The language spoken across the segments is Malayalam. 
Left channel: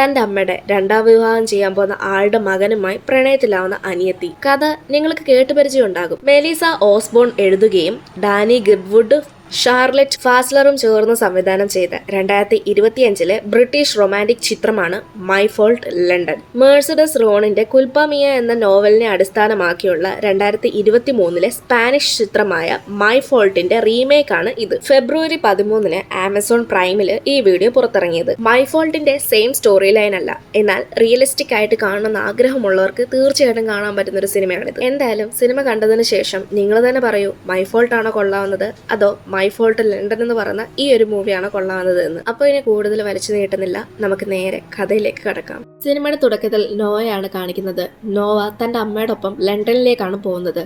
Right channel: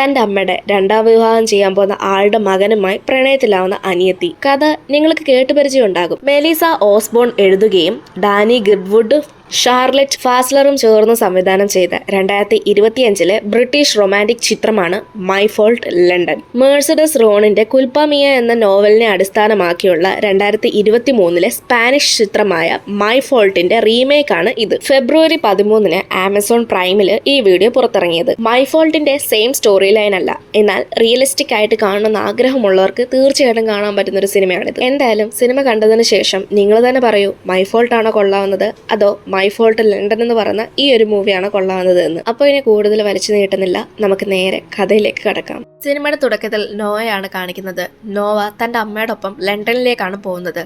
തന്റെ അമ്മയുടെ രണ്ടാം വിവാഹം ചെയ്യാൻ പോകുന്ന ആളുടെ മകനുമായി പ്രണയത്തിലാവുന്ന അനിയത്തി. കഥ നിങ്ങൾക്ക് കേട്ടുപരിചയം ഉണ്ടാകും. മെലീസ ഓസ്ബോൺ എഴുതുകയും ഡാനി ഗിഡ്വുഡ് ഷാർലറ്റ് ഫാസ്ലറും ചേർന്ന് സംവിധാനം ചെയ്ത 2025 ബ്രിട്ടീഷ് റൊമാൻറ്റിക് ചിത്രമാണ് മൈ ഫോൾട്ട് ലണ്ടൻ. മേഴ്സഡസ് റോണിന്റെ കുൽപ്പമിയ എന്ന നോവലിനെ അടിസ്ഥാനമാക്കിയുള്ള 2023 സ്പാനിഷ് ചിത്രമായ മൈ ഫോൾട്ടിന്റെ റീമേക്കാണ് ഇത്. ഫെബ്രുവരി 13 ആമസോൺ പ്രൈമിൽ ഈ വീഡിയോ പുറത്തിറങ്ങിയത്. മൈ ഫോൾട്ടിന്റെ സെയിം സ്റ്റോറി ലൈൻ അല്ല, എന്നാൽ റിയലിസ്റ്റിക് ആയിട്ട് കാണണമെന്ന് ആഗ്രഹമുള്ളവർക്ക് തീർച്ചയായിട്ടും കാണാൻ പറ്റുന്ന ഒരു സിനിമയാണിത്. എന്തായാലും സിനിമ കണ്ടതിന് ശേഷം നിങ്ങൾ തന്നെ പറയൂ, മൈ ഫോൾട്ട് ആണോ കൊള്ളാവുന്നത് അതോ മൈ ഫോൾട്ട് ലണ്ടൻ എന്ന് പറയുന്ന ഈ ഒരു മൂവിയാണ് കൊള്ളാവുന്നത് എന്ന്. അപ്പോൾ ഇനി കൂടുതൽ വലിച്ചു നീട്ടുന്നില്ല, നമുക്ക് നേരെ കഥയിലേക്ക് കടക്കാം. സിനിമയുടെ തുടക്കത്തിൽ നോവയാണ് കാണിക്കുന്നത്. നോവ തന്റെ അമ്മയോടൊപ്പം ലണ്ടനിലേക്കാണ് പോകുന്നത്.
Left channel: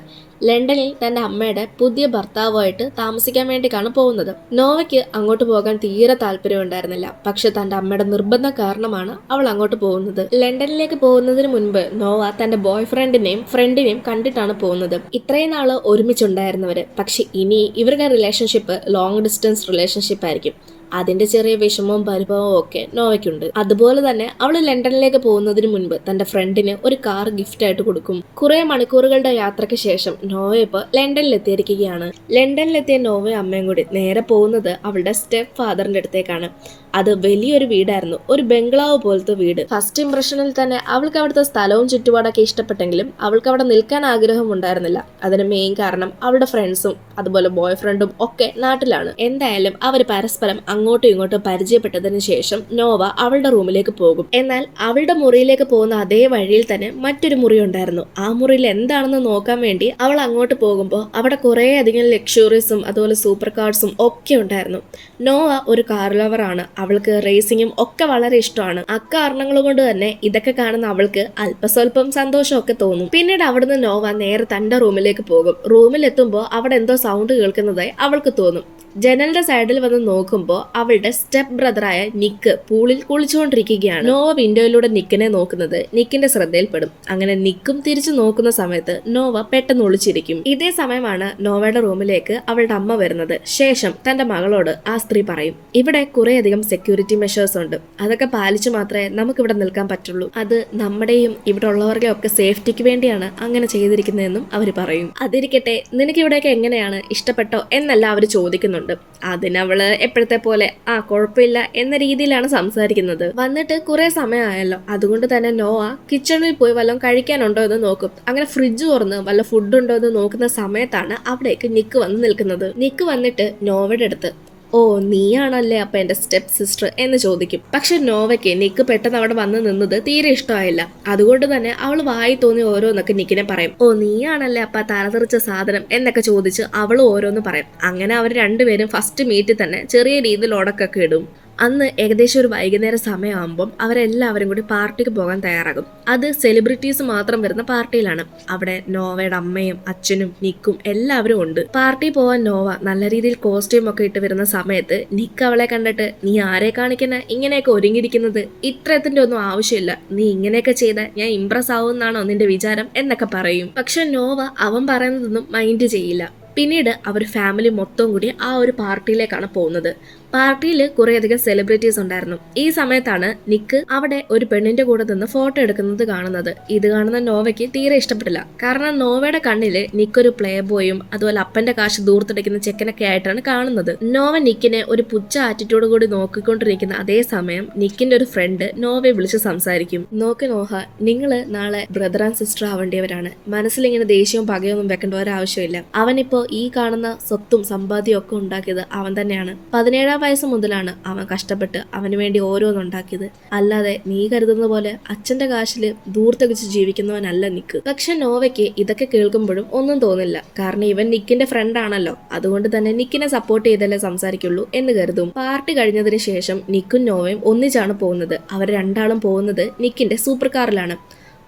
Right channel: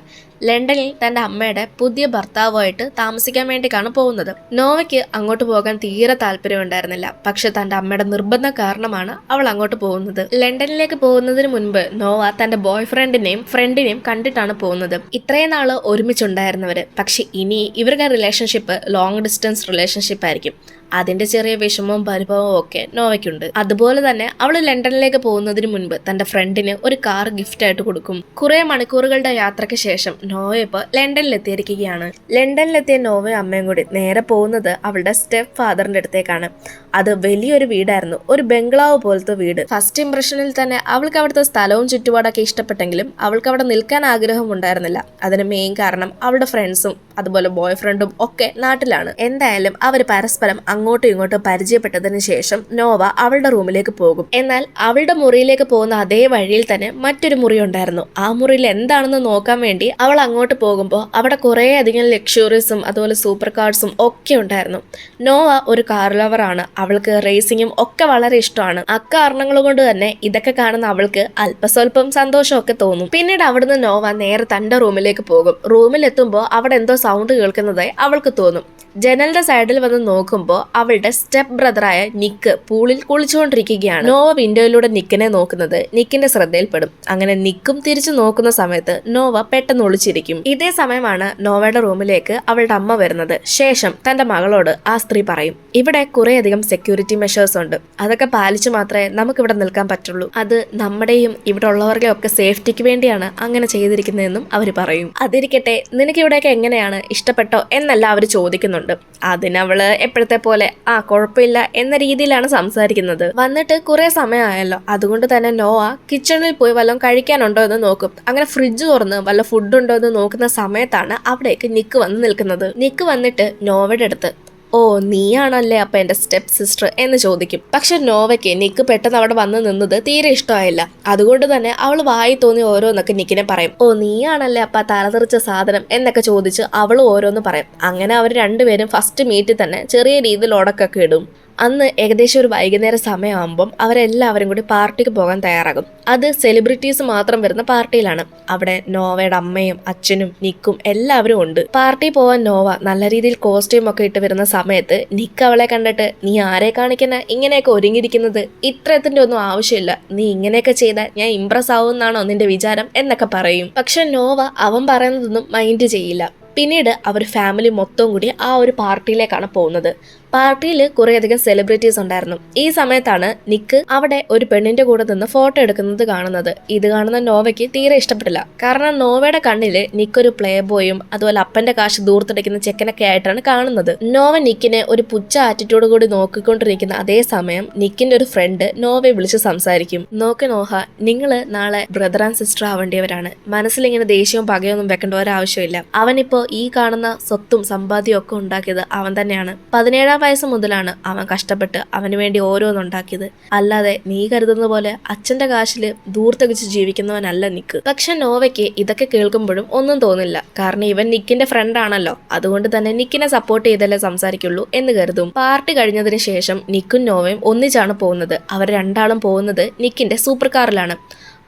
ലണ്ടനിൽ തന്റെ അമ്മയുടെ പുതിയ ഭർത്താവുമായിട്ട് താമസിക്കാൻ വേണ്ടിയാണ് പോകുന്നത്. നോവയ്ക്ക് അങ്ങോട്ട് പോകാൻ തീരെ താല്പര്യം ഉണ്ടായിരുന്നില്ല. പക്ഷെ തന്റെ അമ്മയുടെ നിർബന്ധം കാരണമാണ് അവൾ അങ്ങോട്ട് പോകുന്നത്. ലണ്ടനിലേക്ക് പോകുന്നതിന് മുൻപ് നോവ തന്റെ ബോയ് ഫ്രണ്ടിനെയും കണ്ടിട്ടാണ് പോകുന്നത്. ഇത്രയും നാള് ഒരുമിച്ചുണ്ടായിരുന്നവര്, പക്ഷെ ഇനി ഇവരുടെ റിലേഷൻഷിപ്പ് ലോങ് ഡിസ്റ്റൻസ് റിലേഷൻഷിപ്പ് ആയിരിക്കും. അതിന്റെ ചെറിയ വിഷമവും പരിഭവവും ഒക്കെ നോവയ്ക്കുണ്ട്. അതുപോലെ തന്നെ അവൾ ലണ്ടനിലേക്ക് പോകുന്നതിന് മുൻപ് തന്റെ ഫ്രണ്ടിന് ഒരു കാർ ഗിഫ്റ്റ് ആയിട്ട് കൊടുക്കും. കുറെ മണിക്കൂറുകളുടെ യാത്രയ്ക്ക് ശേഷം നോവ ഇപ്പോൾ ലണ്ടനിലെത്തിയിരിക്കുകയാണ്. ലണ്ടനിലെത്തിയ നോവയും അമ്മയും കൂടി നേരെ പോകുന്നത് അവളുടെ സ്റ്റെപ്പ് ഫാദറിന്റെ അടുത്തേക്കാണ്. അത് വലിയൊരു വീടായിരുന്നു, ഒരു ബംഗ്ലാവ് പോലത്തെ വീട്. ഫസ്റ്റ് ഇംപ്രഷനിൽ തന്നെ അവൾക്ക് അവിടുത്തെ സ്ഥലവും ചുറ്റുപാടൊക്കെ ഇഷ്ടപ്പെട്ടെങ്കിലും അവൾക്ക് അവിടെ നിൽക്കാൻ ആഗ്രഹം ഉണ്ടായിരുന്നില്ല. അതിന് മെയിൻ കാരണം അവളുടെ ഫ്രണ്ട്സും അതുപോലെ ബോയ് ഫ്രണ്ടും ഒക്കെ നാട്ടിലാണ്. എന്തായാലും അവർ പരസ്പരം അങ്ങോട്ടും ഇങ്ങോട്ടും പരിചയപ്പെട്ടതിന് ശേഷം നോവ അവളുടെ റൂമിലേക്ക് പോകും. എന്നാൽ അവളുടെ മുറിയിലേക്ക് പോകുന്ന അതേ വഴിയിൽ തന്നെ മറ്റൊരു മുറി ഉണ്ടായിരുന്നു. ആ മുറിയിൽ എന്താണെന്ന് നോക്കാൻ വേണ്ടി അവൾ അങ്ങോട്ട് പോകുമ്പോൾ അവിടെ കുറേ അധികം ലക്ഷറീസും അതുപോലെ സൂപ്പർ കാർസും ഒക്കെ ഉണ്ടായിരുന്നു. നോവ ഒരു കാർ ലവറാണ്. അവൾക്ക് റേസിംഗും ഒക്കെ വളരെ ഇഷ്ടമാണ്. അക്കാരണങ്ങൾ കൊണ്ട് തന്നെ ഇതൊക്കെ കാണുന്ന അവൾക്ക് അല്പസ്വല്പം സന്തോഷമൊക്കെ തോന്നും. പിന്നീട് അവിടുന്ന് നോവ നേരെ തന്റെ റൂമിലേക്ക് പോകും. റൂമിലെത്തുമ്പോൾ അവിടെ എന്തോ സൗണ്ട് കേൾക്കുന്നതായി അവൾക്ക് തോന്നും. ജനലിന്റെ സൈഡിൽ വന്ന് നോക്കുമ്പോൾ അവളുടെ സ്റ്റെപ്പ് ബ്രദറായ നിക്ക് പൂളിൽ കുളിച്ചുകൊണ്ടിരിക്കുകയാണ്. നോവ വിൻഡോയിലൂടെ നിക്കിനെ നോക്കുന്നത് നിക്കിന്റെ ശ്രദ്ധയിൽപ്പെടും. അങ്ങനെ നിക്കും തിരിച്ചു നോക്കുന്ന സമയത്ത് നോവ പെട്ടെന്ന് ഒളിച്ചിരിക്കും. ഇതേ സമയമാണ് നോവയുടെ റൂമിലേക്ക് അവളുടെ അമ്മ വരുന്നത്. ശേഷം തന്റെ മകളോട് ആ സ്ത്രീ പറയും, ഇവിടെ കുറേയധികം സെക്യൂരിറ്റി മെഷേഴ്സ് ഉണ്ട്, അതൊക്കെ പാലിച്ചു മാത്രമേ നമുക്കിവിടെ നിൽക്കാൻ പറ്റുള്ളൂ. അത് നമ്മുടെയും ഇവിടെ ഉള്ളവരുടെ ഒക്കെ സേഫ്റ്റിക്ക് വേണ്ടിയാണ് അങ്ങനെ ചെയ്തിരിക്കുന്നതെന്നും അവർ പറയും. അതിരിക്കട്ടെ, നിനക്ക് ഇവിടെയൊക്കെ എങ്ങനെയാണ്, ഇഷ്ടപ്പെട്ടോ എന്നല്ല അവർ ചോദിക്കുന്നുണ്ട്. അതിനവള് എപ്പോഴത്തെ പോലെ കുഴപ്പമില്ല എന്ന രീതിയിലാണ് സംസാരിക്കുന്നത്. വന്നിട്ട് കുറെ സമയമായല്ലോ, അതുകൊണ്ട് തന്നെ നോവ കിച്ചണിൽ പോയി വല്ലതും കഴിക്കാനുണ്ടോ എന്ന് നോക്കും. അങ്ങനെ ഫ്രിഡ്ജ് തുറന്ന് വല്ല ഫുഡ് ഉണ്ടോ എന്ന് നോക്കുന്ന സമയത്താണ് അവിടേക്ക് നിക്ക് വന്ന് നിൽക്കുന്നത്. നിക്ക് വന്നിട്ട് നോവയുടെ അടുത്ത്, ഓ നീയാണല്ലേ അപ്പൊ എന്റെ സ്റ്റെപ്പ് സിസ്റ്റർ എന്ന് ചോദിക്കും. പക്ഷെ നോവയ്ക്ക് നിക്ക് പെട്ടെന്ന് അവിടെ വന്ന് നിന്നത് തീരെ ഇഷ്ടമായില്ല. അതുകൊണ്ട് തന്നെ അവൾ വായി തോന്നി ഓരോന്നൊക്കെ നിക്കിനെ പറയും. ഓ നീയാണല്ലേ അപ്പൊ തലതെറിച്ച സാധനം എന്നൊക്കെ ചോദിച്ച് അവൾ ഓരോന്ന് പറയും. അങ്ങനെ അവർ രണ്ടുപേരും ഫസ്റ്റ് മീറ്റിൽ തന്നെ ചെറിയ രീതിയിൽ ഉടക്കൊക്കെ ഇടും. അന്ന് ഏകദേശം ഒരു വൈകുന്നേര സമയമാകുമ്പം അവരെല്ലാവരും കൂടി പാർട്ടിക്ക് പോകാൻ തയ്യാറാകും. അത് സെലിബ്രിറ്റീസ് മാത്രം വരുന്ന പാർട്ടിയിലാണ്. അവിടെ നോവയുടെ അമ്മയും അച്ഛനും നിക്കും എല്ലാവരും ഉണ്ട്. പാർട്ടി പോവാൻ നോവ നല്ല രീതിയിൽ കോസ്റ്റ്യൂം ഒക്കെ ഇട്ട് വരുന്ന സമയത്ത് നിക്ക് അവളെ കണ്ടിട്ട്, നീ ആരെ കാണിക്കുന്ന ഇങ്ങനെയൊക്കെ ഒരുങ്ങിയിരിക്കുന്നത്, ഇത്രത്തിന്റെ ഒന്നും ആവശ്യമില്ല, നീ ഇങ്ങനെയൊക്കെ ചെയ്താൽ ഞാൻ ഇംപ്രസ് ആവുമെന്നാണോ നിന്റെ വിചാരം എന്നൊക്കെ പറയും. പക്ഷെ നോവ അവൻ പറയുന്നതൊന്നും മൈൻഡ് ചെയ്യില്ല. പിന്നീട് അവർ ഫാമിലി മൊത്തം കൂടി ആ ഒരു പാർട്ടിയിലേക്കാണ് പോകുന്നത്. പാർട്ടിയിൽ കുറേയധികം സെലിബ്രിറ്റീസ് ഉണ്ടായിരുന്നു. ഈ സമയത്താണ് നിക്ക് അവിടെ ഒരു പെണ്ണിന്റെ കൂടെ നിന്ന് ഫോട്ടോ എടുക്കുന്നത് കാണുന്നത്. ഇത് കാണുന്ന നോവയ്ക്ക് തീരെ ഇഷ്ടപ്പെട്ടില്ല. കാരണം നോവയുടെ കണ്ണില് നിക്കൊരു പ്ലേ ബോയും അതുപോലെ അപ്പന്റെ കാശ് ദൂർത്തടിക്കുന്ന ചെക്കനൊക്കെ ആയിട്ടാണ് കാണുന്നത്. നോവ നിക്കിനെ ഒരു പുച്ഛ ആറ്റിറ്റ്യൂഡ് കൂടി നോക്കിക്കൊണ്ടിരിക്കുന്ന അതേ സമയം നിക്കിന്റെ ഒരു ഫ്രണ്ട് നോവയെ വിളിച്ച് സംസാരിക്കും. നോക്ക് നോഹ, നിങ്ങള് നാളെ ബ്രദർ ആൻഡ് സിസ്റ്റർ ആവേണ്ടിയവരാണ്. മനസ്സിലിങ്ങനെ ദേഷ്യവും പകയൊന്നും വെക്കേണ്ട ഒരാവശ്യമില്ല. അവനിപ്പോ ഈ കാണുന്ന സ്വത്തും സമ്പാദ്യവും ഒക്കെ ഉണ്ടാക്കിയത് അവൻ തന്നെയാണ്. 17 വയസ്സ് മുതലാണ് അവൻ കഷ്ടപ്പെട്ട് അവന് വേണ്ടി ഓരോന്നുണ്ടാക്കിയത്. അല്ലാതെ നീ കരുതുന്ന പോലെ അച്ഛന്റെ കാശില് ദൂർത്തകിച്ച് ജീവിക്കുന്നവനല്ല നിക്ക്. പക്ഷെ നോവയ്ക്ക് ഇതൊക്കെ കേൾക്കുമ്പോഴും ഒന്നും തോന്നില്ല. കാരണം ഇവൻ നിക്കിന്റെ ഫ്രണ്ട് ആണല്ലോ, അതുകൊണ്ട് തന്നെ നിക്കിനെ സപ്പോർട്ട് ചെയ്തല്ലേ സംസാരിക്കുള്ളൂ എന്ന് കരുതും. പാർട്ടി കഴിഞ്ഞതിന് ശേഷം നിക്കും നോവയും ഒന്നിച്ചാണ് പോകുന്നത്. അവർ രണ്ടാളും പോകുന്നത് നിക്കിന്റെ സൂപ്പർ കാറിലാണ്.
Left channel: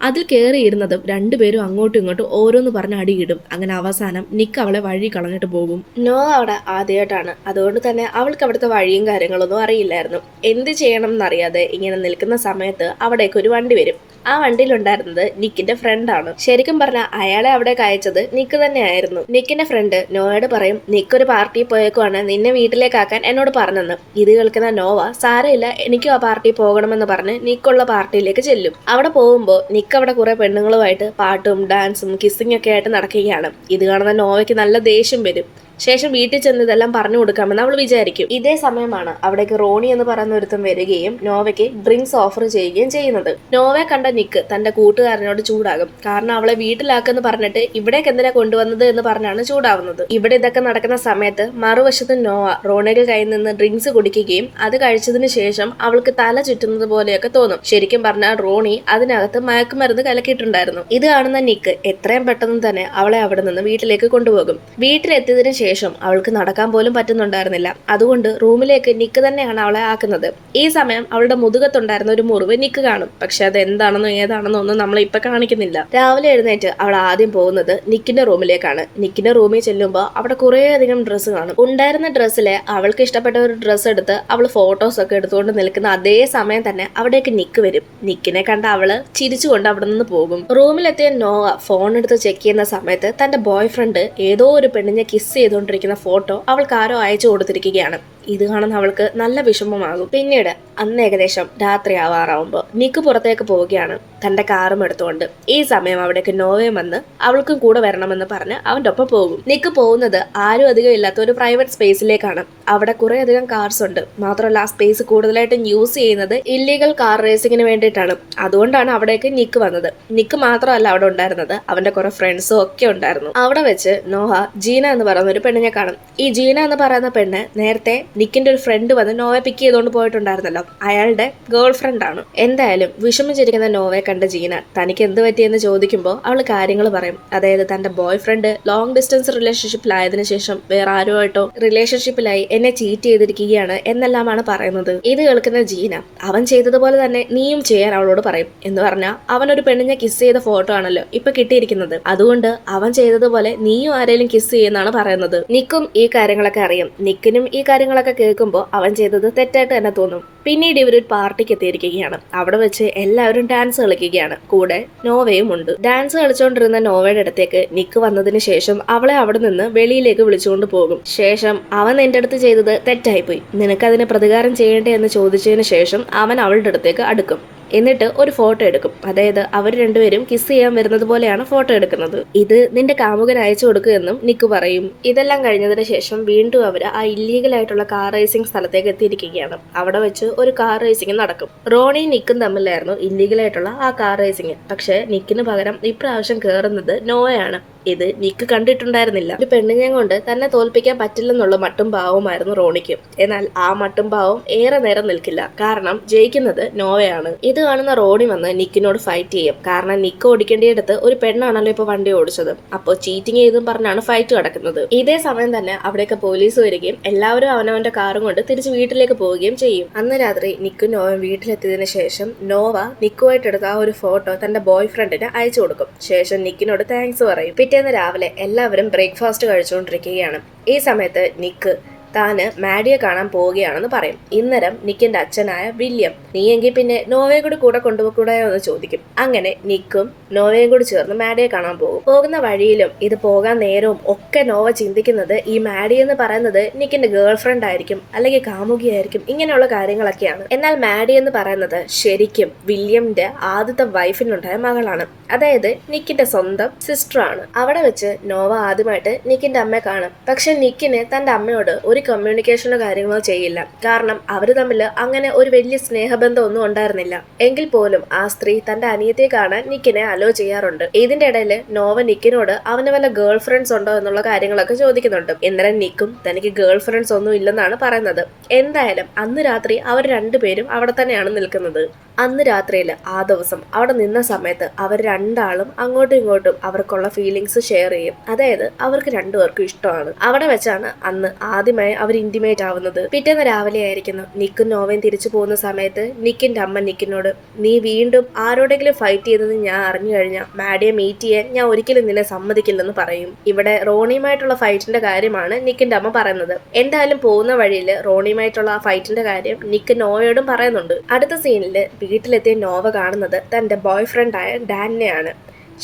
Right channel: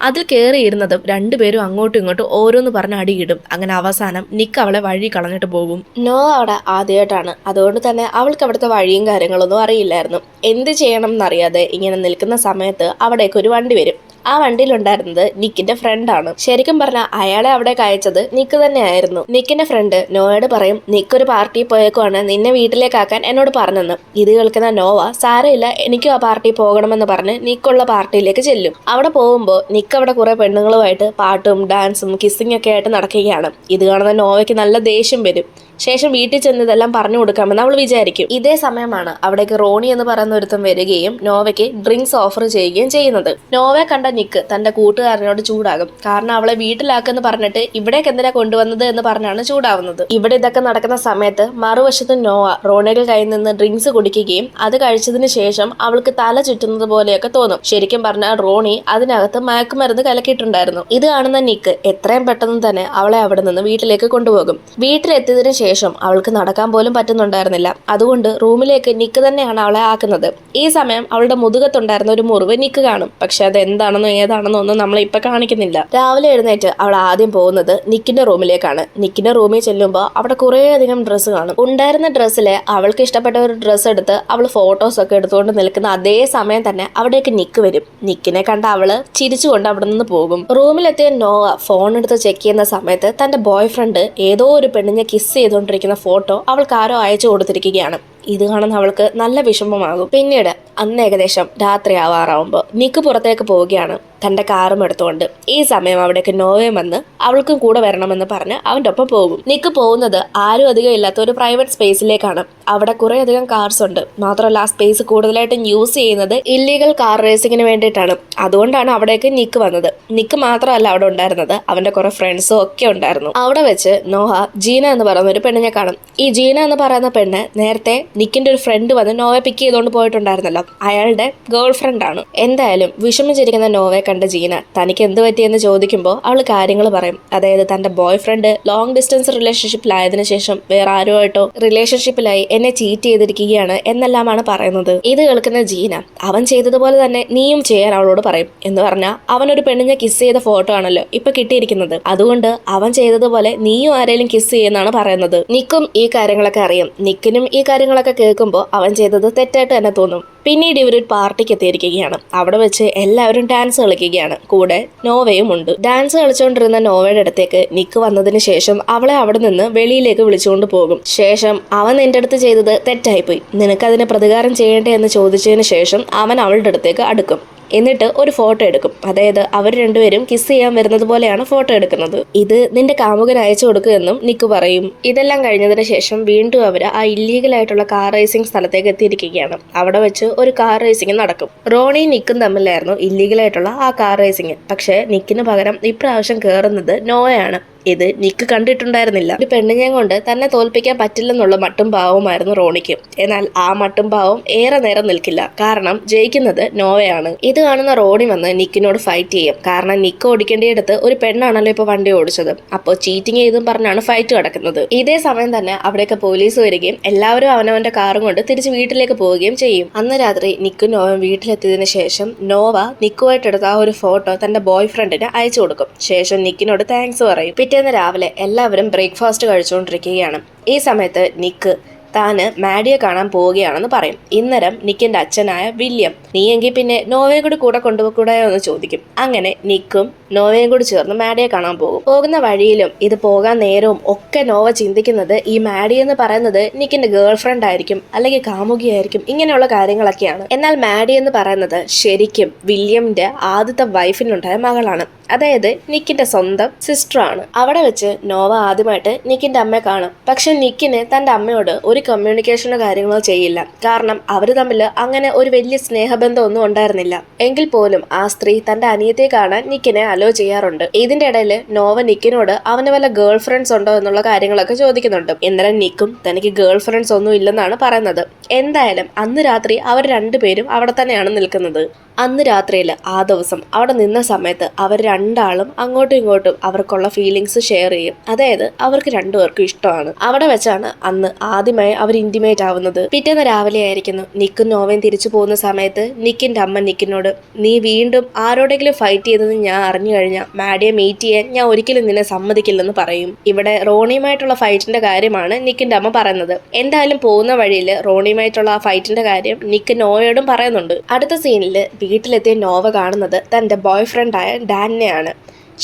അതിൽ കയറിയിരുന്നതും രണ്ടുപേരും അങ്ങോട്ടും ഇങ്ങോട്ടും ഓരോന്ന് പറഞ്ഞ് അടിയിടും. അങ്ങനെ അവസാനം നിക്ക് അവളെ വഴി കളഞ്ഞിട്ട് പോകും. നോവ അവിടെ ആദ്യമായിട്ടാണ്, അതുകൊണ്ട് തന്നെ അവൾക്ക് അവിടുത്തെ വഴിയും കാര്യങ്ങളൊന്നും അറിയില്ലായിരുന്നു. എന്ത് ചെയ്യണം എന്നറിയാതെ ഇങ്ങനെ നിൽക്കുന്ന സമയത്ത് അവിടേക്ക് ഒരു വണ്ടി വരും. ആ വണ്ടിയിലുണ്ടായിരുന്നത് നിക്കിന്റെ ഫ്രണ്ടാണ്. ശരിക്കും പറഞ്ഞാൽ അയാളെ അവിടെ അയച്ചത് നിക്ക് തന്നെയായിരുന്നു. നിക്കിന്റെ ഫ്രണ്ട് നോവയോട് പറയും, നിക്കൊരു പാർട്ടിയിൽ പോയേക്കുവാണ്, നിന്നെ വീട്ടിലേക്കാക്കാൻ എന്നോട് പറഞ്ഞെന്ന്. ഇത് കേൾക്കുന്ന നോവ സാരമില്ല, എനിക്കും ആ പാർട്ടിയിൽ പോകണമെന്ന് പറഞ്ഞ് നിക്കുള്ള പാർട്ടിയിലേക്ക് ചെല്ലും. അവിടെ പോകുമ്പോൾ നിക്ക് അവിടെ കുറെ പെണ്ണുങ്ങളുമായിട്ട് പാട്ടും ഡാൻസും കിസ്സിംഗ് ഒക്കെ ആയിട്ട് നടക്കുകയാണ്. ഇത് കാണുന്ന നോവയ്ക്ക് നല്ല ദേഷ്യം വരും. ശേഷം വീട്ടിൽ ചെന്ന് ഇതെല്ലാം പറഞ്ഞു കൊടുക്കാമെന്ന് അവൾ വിചാരിക്കും. ഇതേ സമയമാണ് അവിടേക്ക് റോണി എന്ന് പറയുന്ന ഒരുത്തം വരികയും നോവയ്ക്ക് ഡ്രിങ്ക്സ് ഓഫർ ചെയ്യുകയും ചെയ്യുന്നത്. നോവയെ കണ്ട നിക്ക് തന്റെ കൂട്ടുകാരനോട് ചൂടാകും. കാരണം അവളെ വീട്ടിലാക്കെന്ന് പറഞ്ഞിട്ട് ഇവിടേക്ക് എന്തിനാ കൊണ്ടുവന്നത് എന്ന് പറഞ്ഞാണ് ചൂടാവുന്നത്. ഇവിടെ ഇതൊക്കെ നടക്കുന്ന സമയത്ത് മറുവശത്ത് നോവ റോണിയുടെ കയ്യിൽ നിന്ന് ഡ്രിങ്ക്സ് കുടിക്കുകയും അത് കഴിച്ചതിന് ശേഷം അവൾക്ക് തല ചുറ്റുന്നത് പോലെയൊക്കെ തോന്നും. ശരിക്കും പറഞ്ഞാൽ റോണി അതിനകത്ത് മയക്കുമരുന്ന് കലക്കിയിട്ടുണ്ടായിരുന്നു. ഇത് കാണുന്ന നിക്ക് എത്രയും പെട്ടെന്ന് തന്നെ അവളെ അവിടെ നിന്ന് വീട്ടിലേക്ക് കൊണ്ടുപോകും. വീട്ടിലെത്തിയതിനു ശേഷം അവൾക്ക് നടക്കാൻ പോലും പറ്റുന്നുണ്ടായിരുന്നില്ല. അതുകൊണ്ട് റൂമിലേക്ക് നിക്ക് തന്നെയാണ് അവളെ ആക്കുന്നത്. ഈ സമയം അവളുടെ മുതുകത്തുണ്ടായിരുന്ന ഒരു മുറിവ് നിക്ക് കാണും. പക്ഷെ അത് എന്താണെന്നോ ഏതാണെന്നോ ഒന്നും നമ്മളെ ഇപ്പൊ കാണിക്കുന്നില്ല. രാവിലെ എഴുന്നേറ്റ് അവൾ ആദ്യം പോകുന്നത് നിക്കിന്റെ റൂമിലേക്കാണ്. നിക്കിന്റെ റൂമിൽ ചെല്ലുമ്പോൾ അവിടെ കുറേയധികം ഡ്രസ്സ് കാണും. ഉണ്ടായിരുന്ന ഡ്രസ്സിലെ അവൾക്ക് ഇഷ്ടപ്പെട്ട ഒരു ഡ്രസ്സ് എടുത്ത് അവൾ ഫോട്ടോസ് ഒക്കെ എടുത്തുകൊണ്ട് നിൽക്കുന്ന അതേ സമയം തന്നെ അവിടേക്ക് നിക്ക് വരും. നിക്കിനെ കണ്ട അവള് ചിരിച്ചുകൊണ്ട് അവിടെ നിന്ന് പോകും. റൂമിലെത്തിയ നോവ ഫോൺ എടുത്ത് ചെക്ക് ചെയ്യുന്ന സമയത്ത് തന്റെ ബോയ് ഫ്രണ്ട് ഏതോ ഒരു പെണ്ണിനെ കിസ് ചെയ്തുകൊണ്ടിരിക്കുന്ന ഫോട്ടോ അവൾക്ക് ആരോ അയച്ചു കൊടുത്തിരിക്കുകയാണ്. ഇത് കാണുന്ന അവൾക്ക് നല്ല വിഷമമാകും. പിന്നീട് അന്ന് ഏകദേശം രാത്രി ആവാറാവുമ്പോൾ നിക്ക് പുറത്തേക്ക് പോവുകയാണ് തന്റെ കാറും എടുത്തുകൊണ്ട്. ഈ സമയം അവിടേക്ക് നോവയും വന്ന് അവൾക്കും കൂടെ വരണമെന്ന് പറഞ്ഞ് അവൻ്റെ ഒപ്പം പോകും. നിക്ക് പോകുന്നത് ആരും അധികം ഇല്ലാത്ത ഒരു പ്രൈവറ്റ് സ്പേസിലേക്കാണ്. അവിടെ കുറെ അധികം കാർസ് ഉണ്ട്. മാത്രമല്ല ആ സ്പേസ് കൂടുതലായിട്ടും യൂസ് ചെയ്യുന്നത് ഇല്ലീഗൽ കാർ റേസിങ്ങിന് വേണ്ടിയിട്ടാണ്. അതുകൊണ്ടാണ് അവിടേക്ക് നിക്ക് വന്നത്. നിക്ക് മാത്രമല്ല അവിടെ ഉണ്ടായിരുന്നത്, അവന്റെ കുറെ ഫ്രണ്ട്സും ഒക്കെ ഉണ്ടായിരുന്നു. അവിടെ വെച്ച് നോഹ ജീന എന്ന് പറയുന്ന ഒരു പെണ്ണിനെ കാണും. ഈ ജീന എന്ന് പറയുന്ന പെണ്ണ് നേരത്തെ നിക്കിന്റെ ഒരു ഫ്രണ്ട് വന്ന് നോവയെ പിക്ക് ചെയ്തുകൊണ്ട് പോയിട്ടുണ്ടായിരുന്നല്ലോ, അയാളുടെ ഗേൾ ഫ്രണ്ട് ആണ്. എന്തായാലും വിഷമിച്ചിരിക്കുന്ന നോവയെ കണ്ട ജീന തനിക്ക് എന്ത് പറ്റിയെന്ന് ചോദിക്കുമ്പോൾ അവൾ കാര്യങ്ങൾ പറയും. അതായത് തന്റെ ബോയ് ഫ്രണ്ട് ലോങ് ഡിസ്റ്റൻസ് റിലേഷൻഷിപ്പിലായതിനു ശേഷം വേറെ ആരുമായിട്ടോ റിലേഷൻഷിപ്പിലായി എന്നെ ചീറ്റ് ചെയ്തിരിക്കുകയാണ് എന്നെല്ലാമാണ് പറയുന്നത്. ഇത് കേൾക്കുന്ന ജീന അവൻ ചെയ്തതുപോലെ തന്നെ നീയും ചെയ്യാൻ അവളോട് പറയും. എന്ന് പറഞ്ഞാൽ അവനൊരു പെണ്ണിനെ കിസ് ചെയ്ത ഫോട്ടോ ആണല്ലോ ഇപ്പൊ കിട്ടിയിരിക്കുന്നത്. അതുകൊണ്ട് അവൻ ചെയ്തതുപോലെ നീയും ആരെങ്കിലും കിസ് ചെയ്യുന്നതാണ് പറയുന്നത്. നിക്കും ഈ കാര്യങ്ങളൊക്കെ അറിയാം. നിക്കിനും ഈ കാര്യങ്ങളൊക്കെ കേൾക്കുമ്പോൾ അവൻ ചെയ്തത് തെറ്റായിട്ട് തന്നെ തോന്നും. പിന്നീട് ഇവരൊരു പാർട്ടിക്ക് എത്തിയിരിക്കുകയാണ്. അവിടെ വെച്ച് എല്ലാവരും ഡാൻസ് കളിക്കുകയാണ്. കൂടെ നോവയും ഉണ്ട്. ഡാൻസ് കളിച്ചുകൊണ്ടിരുന്ന നോവയുടെ അടുത്തേക്ക് നിക്ക് വന്നതിന് ശേഷം അവളെ അവിടെ നിന്ന് വെളിയിലേക്ക് വിളിച്ചുകൊണ്ട് പോകും. ശേഷം അവൻ നിന്റെ അടുത്ത് ചെയ്തത് തെറ്റായിപ്പോയി, നിനക്കതിന് പ്രതികാരം ചെയ്യേണ്ടേ എന്ന് ചോദിച്ചതിന് ശേഷം അവൻ അവളുടെ അടുത്തേക്ക് അടുക്കും. എന്നിട്ട് ഒരു ഫോട്ടോ എടുക്കും. അതായത് അവർ രണ്ടുപേരും കിസ് ചെയ്യാൻ വരുന്നത് പോലെയാണ് ഫോട്ടോ എടുക്കുന്നത്. ഇത് നിന്റെ കാമുകൻ അയച്ചു കൊടുക്കുമെന്നും നിക്ക് പറയും. ഇതെല്ലാം കഴിഞ്ഞതിന് ശേഷം വീണ്ടും അവർ ആ ഇല്ലീഗൽ ആയിട്ടുള്ള കാർ റേസിംഗ് സ്ഥലത്തേക്ക് എത്തിയിരിക്കുകയാണ്. അവിടെ വെച്ച് ഒരു കാർ റേസിംഗ് നടക്കും. റോണിയും നിക്കും തമ്മിലായിരുന്നു ഇല്ലീഗൽ ആയിട്ടുള്ള ആ കാർ റേസിംഗ്. പക്ഷെ നിക്കിന് പകരം ഇപ്രാവശ്യം കയറുന്നത് നോവയാണ്. ഇത് നിക്ക് കണ്ടിട്ടുണ്ടായിരുന്നില്ല. ഒരു പെണ്ണിനെ കൊണ്ട് തന്നെ തോൽപ്പിക്കാൻ പറ്റില്ലെന്നുള്ള മട്ടും ഭാവമായിരുന്നു റോണിക്ക്. എന്നാൽ ആ മട്ടും ഭാവം ഏറെ നേരം നിൽക്കില്ല. കാരണം ജയിക്കുന്നത് നോവയാണ്. ഇത് കാണുന്ന റോണി വന്ന് നിക്കിനോട് ഫൈറ്റ് ചെയ്യും. കാരണം നിക്ക് ഓടിക്കേണ്ടിയെടുത്ത് ഒരു പെണ്ണാണല്ലോ ഇപ്പൊ വണ്ടി ഓടിച്ചത്. അപ്പോൾ ചീറ്റിംഗ് ചെയ്തും പറഞ്ഞാണ് ഫൈറ്റ് നടക്കുന്നത്. ഇതേ സമയം തന്നെ അവിടേക്ക് പോലീസ് വരികയും എല്ലാവരും അവനവന്റെ കാറും കൊണ്ട് തിരിച്ച് വീട്ടിലേക്ക് പോവുകയും ചെയ്യും. അന്ന് രാത്രി നിക്കും നോവയും വീട്ടിലെത്തിയതിനു ശേഷം നോവ നിക്കുമായിട്ടെടുത്ത ആ ഒരു ഫോട്ടോ തന്റെ ബോയ് ഫ്രണ്ടിന് അയച്ചു കൊടുക്കും. ശേഷം നിക്കിനോട് താങ്ക്സ് പറയും. പിറ്റേന്ന് രാവിലെ എല്ലാവരും ബ്രേക്ക്ഫാസ്റ്റ് കഴിച്ചുകൊണ്ടിരിക്കുകയാണ്. ഈ സമയത്ത് നിക്ക് താന് മാഡിയെ കാണാൻ പോവുകയാണെന്ന് പറയും. ഇന്നരം നിക്കിന്റെ അച്ഛനായ വില്യം നീയെങ്കിൽ പിന്നെ നോവയെ കൂടെ കൊണ്ടുപോകൂടായോ എന്ന് ചോദിക്കും. അങ്ങനെ നിക്കും നോവയും കൂടി ചേർന്ന് മാഡിയെ കാണാൻ പോകും. പോകുന്ന വഴിയിലും ഇത് പോകാൻ നേരവും ഒക്കെ നോവ ചിന്തിക്കുന്നത് ഈ മാഡി എന്ന് പറയുന്നത് നിക്കിന്റെ ഗേൾ ഫ്രണ്ട് ആയിരിക്കും, അല്ലെങ്കിൽ കാമുകിയായിരിക്കും, ഇങ്ങനെയുള്ള കാര്യങ്ങളൊക്കെയാണ്. എന്നാൽ മാഡി എന്ന് പറയുന്നത് ശരിക്കും വില്യമിന്റെ ആദ്യത്തെ വൈഫിനുണ്ടായ മകളാണ്. അതായത് നിക്കിന്റെ സ്വന്തം സിസ്റ്റർ ആണ്. അവിടെ വെച്ച് നോവ ആദ്യമായിട്ട് നിക്കിന്റെ അമ്മയെ കാണും. പക്ഷെ നിക്കിന് തന്റെ അമ്മയോട് ഒരു കമ്മ്യൂണിക്കേഷനോ കാര്യങ്ങളോ ചെയ്യില്ല. കാരണം അവര് തമ്മിൽ അങ്ങനെ ഒരു വലിയ സ്നേഹബന്ധം ഒന്നും ഉണ്ടായിരുന്നില്ല. എങ്കിൽ പോലും ആ സ്ത്രീ തന്റെ അനിയത്തെ കാണാൻ നിക്കിനെ അലോ ചെയ്യാറുണ്ട്. ഇതിന്റെ ഇടയിൽ നോവ നിക്കിനോട് അവന് വല്ല ഗേൾ ഫ്രണ്ട്സ് ഉണ്ടോ എന്നുള്ള കാര്യങ്ങളൊക്കെ ചോദിക്കുന്നുണ്ട്. എന്നാലും നിക്കും തനിക്ക് ഗേൾ ഫ്രണ്ട്സ് ഒന്നും ഇല്ലെന്നാണ് പറയുന്നത്. എന്തായാലും അന്ന് രാത്രി അവർ രണ്ടുപേരും അവിടെ തന്നെയാണ് നിൽക്കുന്നത്. അന്ന് രാത്രിയിൽ ആ ദിവസം അവിടെ നിന്ന സമയത്ത് അവർ രണ്ടാളും അങ്ങോട്ടും ഇങ്ങോട്ടും അവർക്കുള്ള ഫീലിങ്സ് ഷെയർ ചെയ്യും. അതായത് അവർക്ക് രണ്ടുപേർക്കും ഇഷ്ടമാണ്. അവിടെ വെച്ചാണ് അന്ന് ആദ്യമായിട്ട് നിക്കുമായി അവർ ഇന്റിമേറ്റ് ആവുന്നത്. പിറ്റേന്ന് രാവിലെ ആയിരിക്കുന്നു. നിക്കും നോവയും തിരിച്ചു പോകുന്ന സമയത്ത് നിക്കിന്റെ അമ്മ നിക്കിനോട്, നീ വീണ്ടും ആരോടെങ്കിലും ഫൈറ്റ് ചെയ്തെന്ന് ഞാൻ അറിഞ്ഞു കഴിഞ്ഞാൽ മാഡിയെ മീറ്റ് ചെയ്യാൻ ഞാൻ ഒരിക്കലും നിന്നെ സമ്മതിക്കില്ലെന്ന് പറയും. ഇവിടെ റോണിയുമായിട്ടുള്ള ഫൈറ്റിന്റെ കാര്യമാണ് നിക്കിന്റെ അമ്മ പറയുന്നത്. എന്തായാലും പോകുന്ന വഴിയിൽ റോണിയുമായിട്ടുള്ള ആ ഫൈറ്റിന്റെ കാര്യം നിക്ക് നോവയോടും പറയുന്നുണ്ട്. അടുത്ത സീനിൽ വീട്ടിലെത്തിയ നോവ കാണുന്നത് തന്റെ ബോയ് ഫ്രണ്ടായ ഡാനിനെയാണ്.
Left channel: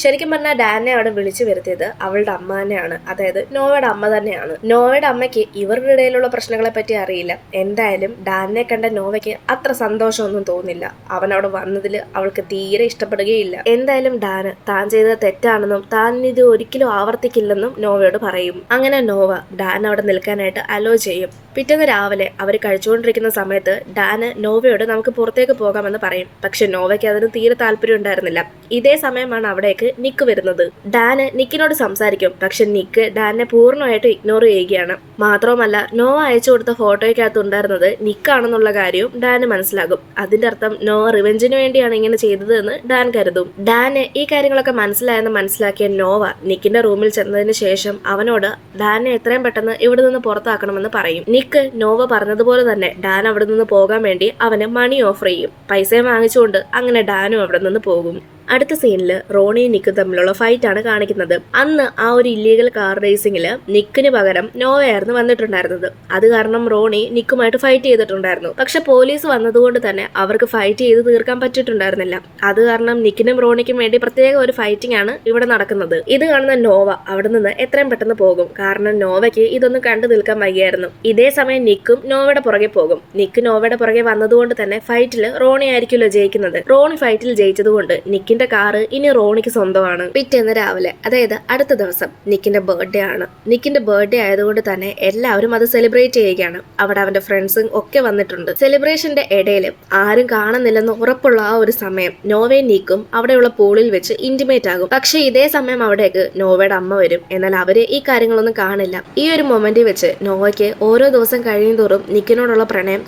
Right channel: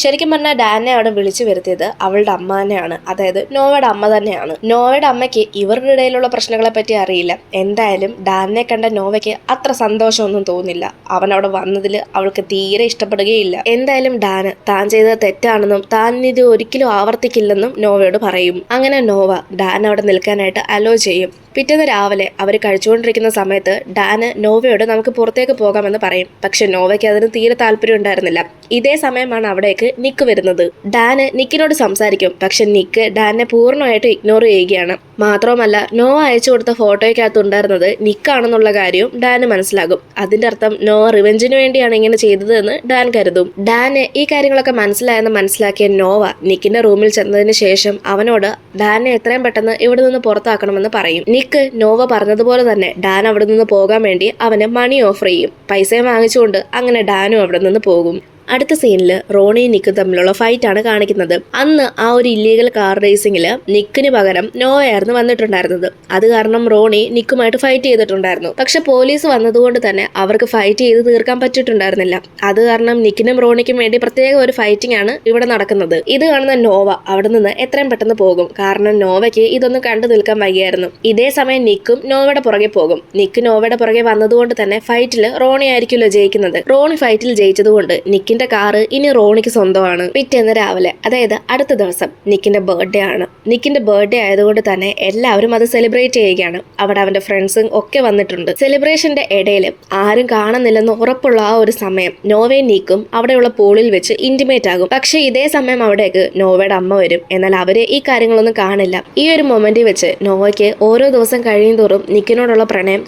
ശരിക്കും പറഞ്ഞാൽ ഡാനെ അവിടെ വിളിച്ചു വരുത്തിയത് അവളുടെ അമ്മ തന്നെയാണ്, അതായത് നോവയുടെ അമ്മ തന്നെയാണ്. നോവയുടെ അമ്മയ്ക്ക് ഇവരുടെ ഇടയിലുള്ള പ്രശ്നങ്ങളെ പറ്റി അറിയില്ല. എന്തായാലും ഡാനെ കണ്ട നോവയ്ക്ക് അത്ര സന്തോഷമൊന്നും തോന്നില്ല. അവൻ അവിടെ വന്നതിൽ അവൾക്ക് തീരെ ഇഷ്ടപ്പെടുകയില്ല. എന്തായാലും ഡാന് താൻ ചെയ്തത് തെറ്റാണെന്നും താൻ ഇത് ഒരിക്കലും ആവർത്തിക്കില്ലെന്നും നോവയോട് പറയും. അങ്ങനെ നോവ ഡാൻ അവിടെ നിൽക്കാനായിട്ട് അലോ ചെയ്യും. പിറ്റേന്ന് രാവിലെ അവർ കഴിച്ചുകൊണ്ടിരിക്കുന്ന സമയത്ത് ഡാന് നോവയോട് നമുക്ക് പുറത്തേക്ക് പോകാമെന്ന് പറയും. പക്ഷെ നോവയ്ക്ക് അതിന് തീരെ താല്പര്യം ഉണ്ടായിരുന്നില്ല. ഇതേ സമയമാണ് അവിടേക്ക് നിക്ക് വരുന്നത്. ഡാന് നിക്കിനോട് സംസാരിക്കും. പക്ഷെ നിക്ക് ഡാനെ പൂർണ്ണമായിട്ട് ഇഗ്നോർ ചെയ്യുകയാണ്. മാത്രവുമല്ല നോവ അയച്ചു കൊടുത്ത ഫോട്ടോയ്ക്കകത്ത് ഉണ്ടായിരുന്നത് നിക്കാണെന്നുള്ള കാര്യവും ഡാന് മനസ്സിലാകും. അതിന്റെ അർത്ഥം നോവ റിവെഞ്ചിന് വേണ്ടിയാണ് ഇങ്ങനെ ചെയ്തത് എന്ന് ഡാൻ കരുതും. ഡാന് ഈ കാര്യങ്ങളൊക്കെ മനസ്സിലായെന്ന് മനസ്സിലാക്കിയ നോവ നിക്കിന്റെ റൂമിൽ ചെന്നതിന് ശേഷം അവനോട് ഡാനെ എത്രയും പെട്ടെന്ന് ഇവിടെ നിന്ന് പുറത്താക്കണമെന്ന് പറയും. നിക്ക് നോവ പറഞ്ഞതുപോലെ തന്നെ ഡാൻ അവിടെ നിന്ന് പോകാൻ വേണ്ടി അവന് മണി ഓഫർ ചെയ്യും. പൈസയും വാങ്ങിച്ചുകൊണ്ട് അങ്ങനെ ഡാനും അവിടെ നിന്ന് പോകും. അടുത്ത സീനിൽ റോണിയും നിക്കും തമ്മിലുള്ള ഫൈറ്റ് ആണ് കാണിക്കുന്നത്. അന്ന് ആ ഒരു ഇല്ലീഗൽ കാർ റേസിംഗിൽ നിക്കിന് പകരം നോവയായിരുന്നു വന്നിട്ടുണ്ടായിരുന്നത്. അത് കാരണം റോണി നിക്കുമായിട്ട് ഫൈറ്റ് ചെയ്തിട്ടുണ്ടായിരുന്നു. പക്ഷെ പോലീസ് വന്നതുകൊണ്ട് തന്നെ അവർക്ക് ഫൈറ്റ് ചെയ്ത് തീർക്കാൻ പറ്റിയിട്ടുണ്ടായിരുന്നില്ല. അത് കാരണം നിക്കിനും റോണിക്കും വേണ്ടി പ്രത്യേക ഒരു ഫൈറ്റിംഗ് ആണ് ഇവിടെ നടക്കുന്നത്. ഇത് കാണുന്ന നോവ അവിടെ നിന്ന് എത്രയും പെട്ടെന്ന് പോകും. കാരണം നോവയ്ക്ക് ഇതൊന്നും കണ്ടു നിൽക്കാൻ വയ്യായിരുന്നു. ഇതേ സമയം നിക്കും നോവയുടെ പുറകെ പോകും. നിക്ക് നോവയുടെ പുറകെ വന്നതുകൊണ്ട് തന്നെ ഫൈറ്റിൽ റോണി ആയിരിക്കുമല്ലോ ജയിക്കുന്നത്. റോണി ഫൈറ്റിൽ ജയിച്ചതുകൊണ്ട് നിക്കിന്റെ കാറ് ഇനി റോണിക്ക് സ്വന്തമാണ്. പിറ്റേന്ന് രാവിലെ, അതായത് അടുത്ത ദിവസം നിക്കിന്റെ ബർത്ത്ഡേ ആണ്. നിക്കിന്റെ ബർത്ത്ഡേ ആയതുകൊണ്ട് തന്നെ എല്ലാവരും അത് സെലിബ്രേറ്റ് ചെയ്യുകയാണ്. അവിടെ അവന്റെ ഫ്രണ്ട്സും ഒക്കെ വന്നിട്ടുണ്ട്. സെലിബ്രേഷന്റെ ഇടയിൽ ആരും കാണുന്നില്ലെന്ന് ഉറപ്പുള്ള ആ ഒരു സമയം നോവയും നിക്കും അവിടെയുള്ള പൂളിൽ വെച്ച് ഇന്റിമേറ്റ് ആകും. പക്ഷെ ഇതേ സമയം അവിടേക്ക് നോവയുടെ അമ്മ വരും. എന്നാൽ അവര് ഈ കാര്യങ്ങളൊന്നും കാണില്ല. ഈ ഒരു മൊമെന്റിൽ വെച്ച് നോവയ്ക്ക് ഓരോ ദിവസം കഴിയും തോറും നിക്കിനോടുള്ള പ്രണയം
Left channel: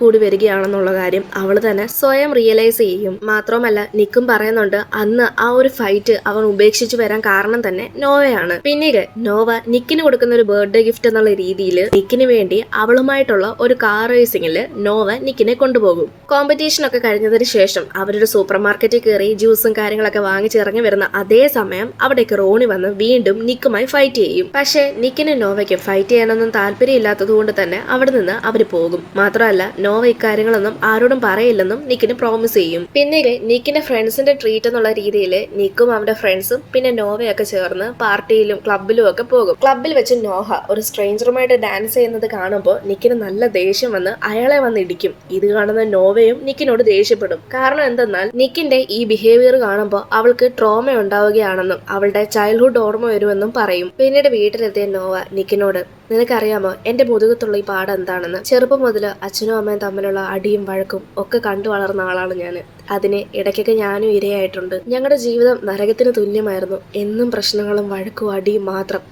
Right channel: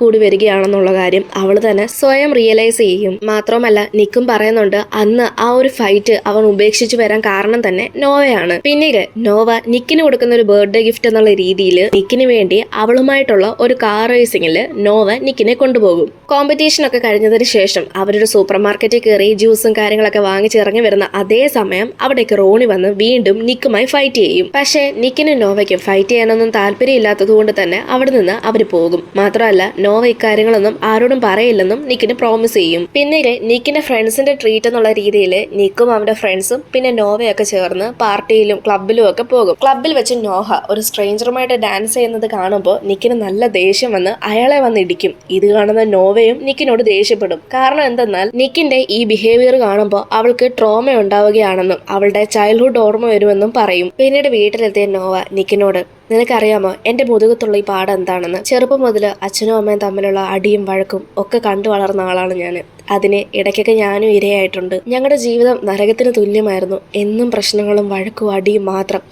കൂടി വരികയാണെന്നുള്ള കാര്യം അവൾ തന്നെ സ്വയം റിയലൈസ് ചെയ്യും. മാത്രമല്ല നിക്കും പറയുന്നുണ്ട് അന്ന് ആ ഒരു ഫൈറ്റ് അവൻ ഉപേക്ഷിച്ചു വരാൻ കാരണം തന്നെ നോവയാണ്. പിന്നീട് നോവ നിക്കിന് കൊടുക്കുന്ന ഒരു ബർത്ത്ഡേ ഗിഫ്റ്റ് എന്നുള്ള രീതിയിൽ നിക്കിന് വേണ്ടി അവളുമായിട്ടുള്ള ഒരു കാർ റേസിംഗിൽ നോവ നിക്കിനെ കൊണ്ടുപോകും. കോമ്പറ്റീഷൻ ഒക്കെ കഴിഞ്ഞതിന് ശേഷം അവരൊരു സൂപ്പർ മാർക്കറ്റിൽ കയറി ജ്യൂസും കാര്യങ്ങളൊക്കെ വാങ്ങിച്ചിറങ്ങി വരുന്ന അതേ സമയം അവിടേക്ക് റോണി വന്ന് വീണ്ടും നിക്കുമായി ഫൈറ്റ് ചെയ്യും. പക്ഷേ നിക്കിനും നോവയ്ക്കും ഫൈറ്റ് ചെയ്യാനൊന്നും താല്പര്യമില്ലാത്തത് കൊണ്ട് തന്നെ അവിടെ നിന്ന് അവർ പോകും. മാത്രമല്ല നോവ ഇക്കാര്യങ്ങളൊന്നും ആരോടും പറയില്ലെന്നും നിക്കിന് പ്രോമിസ് ചെയ്യും. പിന്നീട് നിക്കിന്റെ ഫ്രണ്ട്സിന്റെ ട്രീറ്റ് എന്നുള്ള രീതിയിൽ നിക്കും അവന്റെ ഫ്രണ്ട്സും പിന്നെ നോവയൊക്കെ ചേർന്ന് പാർട്ടിയിലും ക്ലബിലും ഒക്കെ പോകും. ക്ലബിൽ വെച്ച് നോഹ ഒരു സ്ട്രേഞ്ചറുമായിട്ട് ഡാൻസ് ചെയ്യുന്നത് കാണുമ്പോൾ നിക്കിന് നല്ല ദേഷ്യം വന്ന് അയാളെ വന്ന് ഇടിക്കും. ഇത് കാണുന്ന നോവയും നിക്കിനോട് ദേഷ്യപ്പെടും. കാരണം എന്തെന്നാൽ നിക്കിന്റെ ഈ ബിഹേവിയർ കാണുമ്പോൾ അവൾക്ക് ട്രോമ ഉണ്ടാവുകയാണെന്നും അവളുടെ ചൈൽഡ്ഹുഡ് ഓർമ്മ വരുമെന്നും പറയും. പിന്നീട് വീട്ടിലെത്തിയ നോവ നിക്കിനോട്, നിനക്കറിയാമോ എന്റെ മുതുകത്തുള്ള ഈ പാഠം എന്താണെന്ന്? ചെറുപ്പം മുതൽ അച്ഛനും അമ്മയും തമ്മിലുള്ള അടിയും വഴക്കും ഒക്കെ കണ്ടു വളർന്ന ആളാണ് ഞാൻ. അതിന് ഇടയ്ക്കൊക്കെ ഞാനും ഇരയായിട്ടുണ്ട്. ഞങ്ങളുടെ ജീവിതം നരകത്തിന് തുല്യമായിരുന്നു. എന്നും പ്രശ്നങ്ങളും വഴക്കും അടിയും മാത്രം.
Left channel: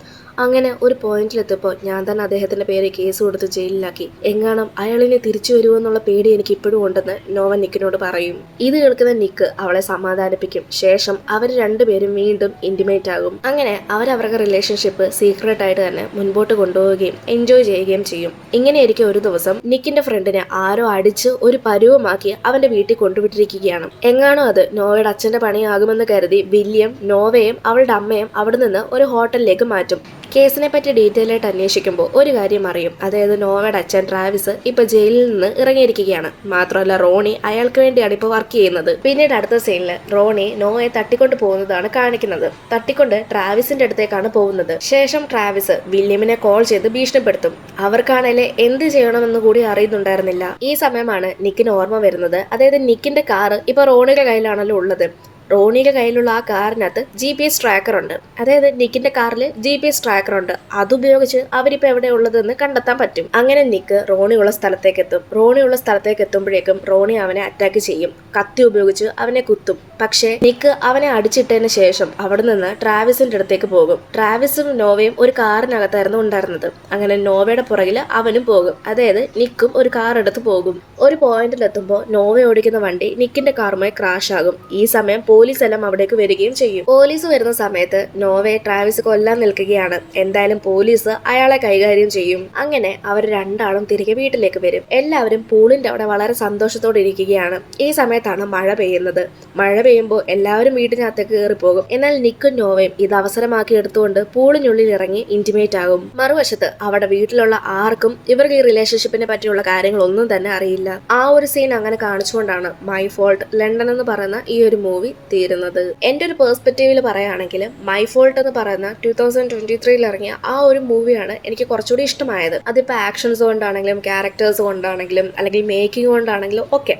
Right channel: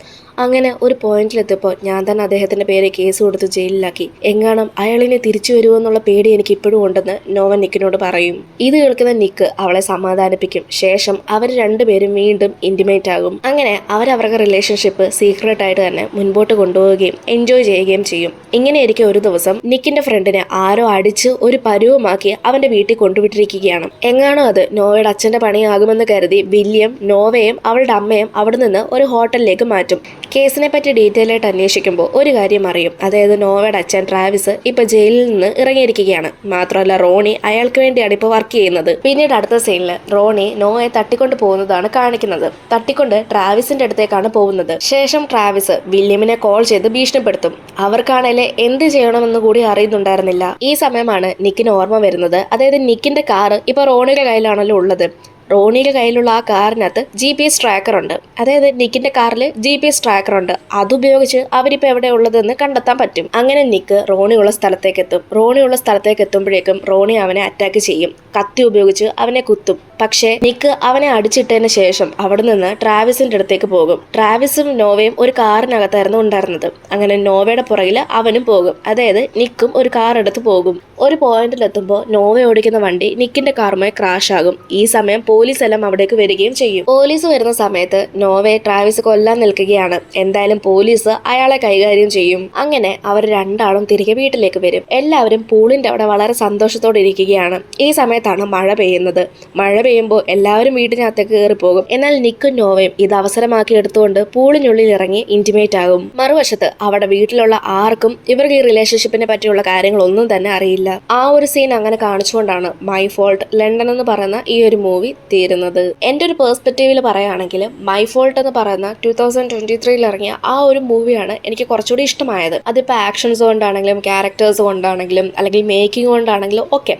അങ്ങനെ ഒരു പോയിന്റിലെത്തിയപ്പോൾ ഞാൻ തന്നെ അദ്ദേഹത്തിന്റെ പേര് കേസ് കൊടുത്ത് ജയിലിലാക്കി. എങ്ങാനും അയാളിനെ തിരിച്ചു വരുമെന്നുള്ള പേടി എനിക്ക് ഇപ്പോഴും ഉണ്ടെന്ന് നോവ നിക്കിനോട് പറയും. ഇത് കേൾക്കുന്ന നിക്ക് അവളെ സമാധാനിപ്പിക്കും. ശേഷം അവർ രണ്ടുപേരും വീണ്ടും ഇന്റിമേറ്റ് ആകും. അങ്ങനെ അവരവരുടെ റിലേഷൻഷിപ്പ് സീക്രട്ട് ആയിട്ട് തന്നെ മുൻപോട്ട് കൊണ്ടുപോവുകയും എൻജോയ് ചെയ്യുകയും ചെയ്യും. ഇങ്ങനെയായിരിക്കും ഒരു ദിവസം നിക്കിന്റെ ഫ്രണ്ടിനെ ആരോ അടിച്ച് ഒരു പരുവമാക്കി അവന്റെ വീട്ടിൽ കൊണ്ടുവിട്ടിരിക്കുകയാണ്. എങ്ങാണോ അത് നോവയുടെ അച്ഛന്റെ പണിയാകുമെന്ന് കരുതി വില്യം നോവയും അവളുടെ അമ്മയും അവിടെ നിന്ന് ഒരു ഹോട്ടലിലേക്ക് മാറ്റും. കേസിനെ പറ്റി ഡീറ്റെയിൽ ആയിട്ട് അന്വേഷിക്കുമ്പോൾ ഒരു കാര്യം അറിയും. അതായത് നോവയുടെ അച്ഛൻ ട്രാവിസ് ഇപ്പൊ ജയിലിൽ നിന്ന് ഇറങ്ങിയിരിക്കുകയാണ്. മാത്രമല്ല റോണി അയാൾക്ക് വേണ്ടിയാണ് ഇപ്പോൾ വർക്ക് ചെയ്യുന്നത്. പിന്നീട് അടുത്ത സീനിൽ റോണി നോവയെ തട്ടിക്കൊണ്ട് പോകുന്നതാണ് കാണിക്കുന്നത്. തട്ടിക്കൊണ്ട് ട്രാവിസിന്റെ അടുത്തേക്കാണ് പോകുന്നത്. ശേഷം ട്രാവിസ് വില്യമിനെ കോൾ ചെയ്ത് ഭീഷണിപ്പെടുത്തും. അവർക്കാണേലെ എന്ത് ചെയ്യണമെന്ന് കൂടി അറിയുന്നുണ്ടായിരുന്നില്ല. ഈ സമയമാണ് നിക്കിന് ഓർമ്മ വരുന്നത്. അതായത് നിക്കിന്റെ കാറ് ഇപ്പൊ റോണിയുടെ കയ്യിലാണല്ലോ ഉള്ളത്. റോണിയുടെ കയ്യിലുള്ള ആ കാറിനകത്ത് GPS ട്രാക്കർ ഉണ്ട്. അതായത് നിക്കിന്റെ കാറിൽ GPS ട്രാക്കർ ഉണ്ട്. അതുപയോഗിച്ച് അവരിപ്പോൾ എവിടെ ഉള്ളതെന്ന് കണ്ടെത്താൻ പറ്റും. അങ്ങനെ നിക്ക് റോണിയുള്ള സ്ഥലത്തേക്ക് എത്തും. റോണിയുള്ള സ്ഥലത്തേക്ക് എത്തുമ്പോഴേക്കും റോണി അവനെ അറ്റാക്ക് ചെയ്യും. കത്തി ഉപയോഗിച്ച് അവനെ കുത്തും. പക്ഷേ നിക്ക് അവനെ അടിച്ചിട്ടതിന് ശേഷം അവിടെ നിന്ന് ട്രാവിസിന്റെ അടുത്തേക്ക് പോകും. ട്രാവിസും നോവയും ഒരു കാറിനകത്തായിരുന്നു ഉണ്ടായിരുന്നത്. അങ്ങനെ നോവയുടെ പുറകിൽ അവനും പോകും. അതായത് നിക്കും ഒരു കാർ എടുത്ത് പോകും. ഒരു പോയിന്റിലെത്തുമ്പോൾ നോവ ഓടിക്കുന്ന വണ്ടി നിക്കിന്റെ കാറുമായി ക്രാഷ് ആകും. ഈ സമയം പോലീസ് എല്ലാം അവിടേക്ക് വരികയും ചെയ്യും. പോലീസ് വരുന്ന സമയത്ത് നോവയെ ട്രാവിസ് കൊല്ലാൻ നിൽക്കുകയാണ്. എന്തായാലും പോലീസ് അയാളെ കൈകാര്യം ചെയ്യും. അങ്ങനെ അവർ രണ്ടാളും തിരികെ വീട്ടിലേക്ക് വരും. എല്ലാവരും പൂളിന്റെ അവിടെ വളരെ സന്തോഷത്തോടെ ഇരിക്കുകയാണ്. ഈ സമയത്താണ് മഴ പെയ്യുന്നത്. മഴ പെയ്യുമ്പോൾ എല്ലാവരും വീട്ടിനകത്തേക്ക് കയറിപ്പോകും. എന്നാൽ നിക്കും നോവയും ഇത് അവസരമാക്കി എടുത്തുകൊണ്ട് പൂളിനുള്ളിൽ ഇറങ്ങി ഇന്റിമേറ്റ് ആകും. മറുവശത്ത് അവിടെ വീട്ടിലുള്ള ആർക്കും ഇവർക്ക് ഈ റിലേഷൻഷിപ്പിനെ പറ്റിയുള്ള കാര്യങ്ങളൊന്നും തന്നെ അറിയില്ല. ആ ഒരു സീൻ അങ്ങനെ കാണിച്ചുകൊണ്ടാണ് മൈ ഫോൾട്ട് ലണ്ടൻ എന്ന് പറയുന്ന ഈ ഒരു മൂവി തീരുന്നത്. എൻ്റെ ഒരു പെർസ്പെക്റ്റീവിൽ പറയുകയാണെങ്കിൽ മൈ ഫോൾട്ട് എന്ന് പറയുന്ന 2023 ഇറങ്ങിയ ആ ഒരു മൂവിയാണ് എനിക്ക് കുറച്ചുകൂടി ഇഷ്ടമായത്. അതിപ്പോൾ ആക്ഷൻസ് കൊണ്ടാണെങ്കിലും ക്യാരക്ടേഴ്സ് കൊണ്ടാണെങ്കിലും അല്ലെങ്കിൽ മേക്കിംഗ് കൊണ്ടാണെങ്കിലും ഒക്കെ.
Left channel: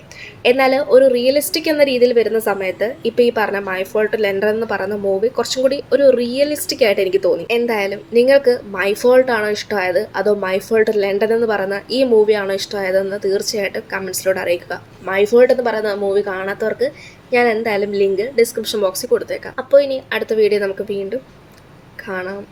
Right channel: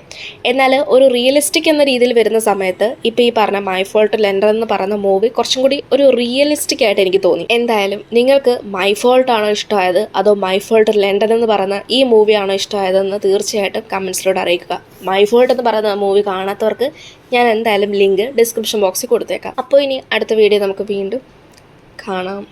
എന്നാൽ ഒരു റിയലിസ്റ്റിക് എന്ന രീതിയിൽ വരുന്ന സമയത്ത് ഇപ്പോൾ ഈ പറഞ്ഞ മൈ ഫോൾട്ട് ലണ്ടൻ എന്ന് പറയുന്ന മൂവി കുറച്ചും കൂടി ഒരു റിയലിസ്റ്റിക് ആയിട്ട് എനിക്ക് തോന്നി. എന്തായാലും നിങ്ങൾക്ക് മൈ ഫോൾട്ട് ആണോ ഇഷ്ടമായത് അതോ മൈ ഫോൾട്ട് ലണ്ടൻ എന്ന് പറയുന്ന ഈ മൂവിയാണോ ഇഷ്ടമായതെന്ന് തീർച്ചയായിട്ടും കമൻസിലൂടെ അറിയിക്കുക. മൈ ഫോൾട്ട് എന്ന് പറയുന്ന മൂവി കാണാത്തവർക്ക് ഞാൻ എന്തായാലും ലിങ്ക് ഡിസ്ക്രിപ്ഷൻ ബോക്സിൽ കൊടുത്തേക്കാം. അപ്പോൾ ഇനി അടുത്ത വീഡിയോ നമുക്ക് വീണ്ടും കാണാം.